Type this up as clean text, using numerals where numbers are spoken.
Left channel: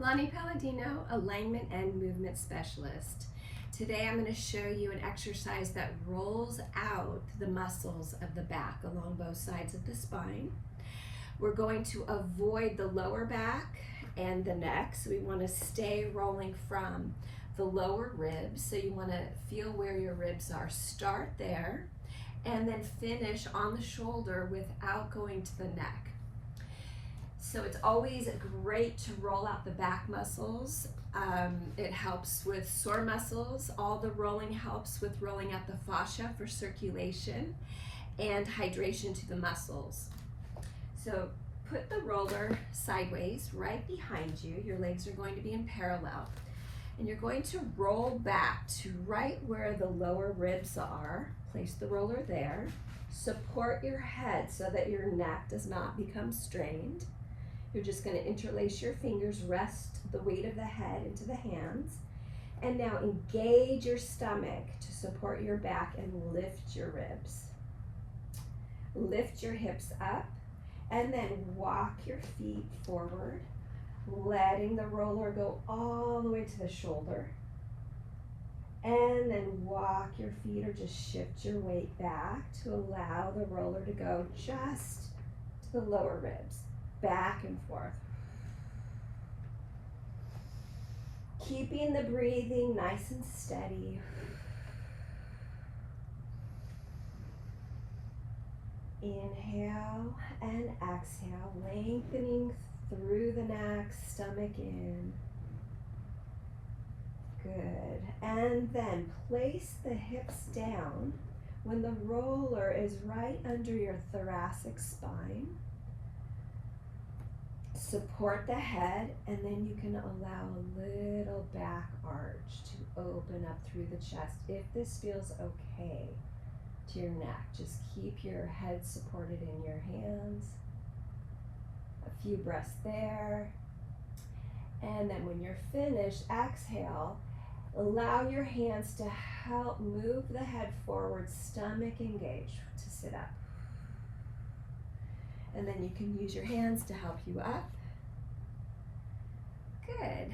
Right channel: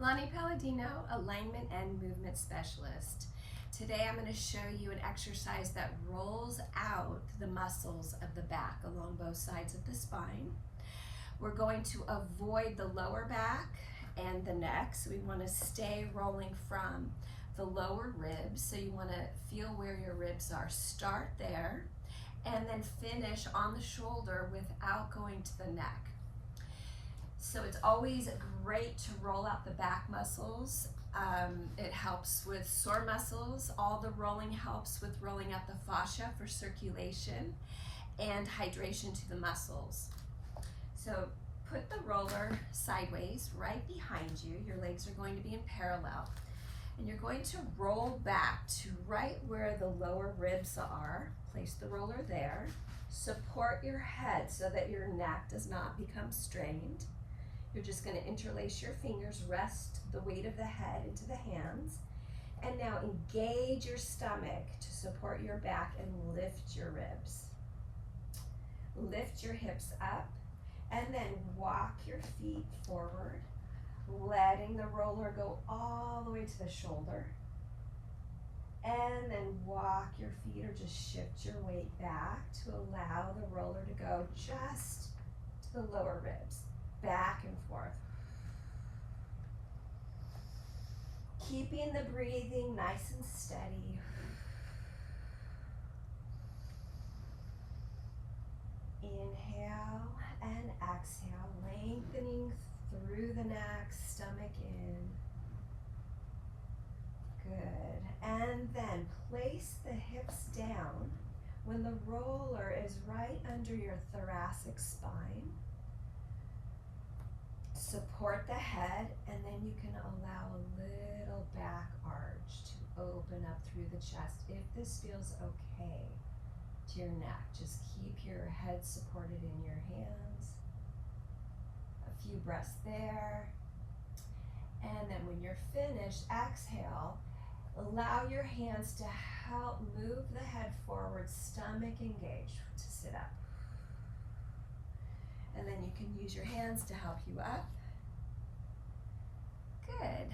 Lonnie Palladino, Alignment and Movement Specialist. Today I'm going to show you an exercise that rolls out the muscles of the back along both sides of the spine. We're going to avoid the lower back and the neck, so we want to stay rolling from the lower ribs. So you want to feel where your ribs are. Start there and then finish on the shoulder without going to the neck. So it's always great to roll out the back muscles. It helps with sore muscles. All the rolling helps with rolling out the fascia for circulation and hydration to the muscles. So put the roller sideways right behind you. Your legs are going to be in parallel. And you're going to roll back to right where the lower ribs are. Place the roller there. Support your head so that your neck does not become strained. You're just going to interlace your fingers, rest the weight of the head into the hands, and now engage your stomach to support your back and lift your ribs. Lift your hips up, and then walk your feet forward, letting the roller go all the way to the shoulder. And then walk your feet or just shift your weight back to allow the roller to go just to the lower ribs. Back and forth. Keeping the breathing nice and steady. Inhale and exhale, lengthening through the neck, stomach in. Good. And then place the hips down when the roller is right under your thoracic spine. Support the head, and then you can allow a little back arch to open up through the chest. If this feels okay to your neck, just keep your head supported in your hands. A few breaths there. And then when you're finished, exhale. Allow your hands to help move the head forward, stomach engaged to sit up. And then you can use your hands to help you up. Good.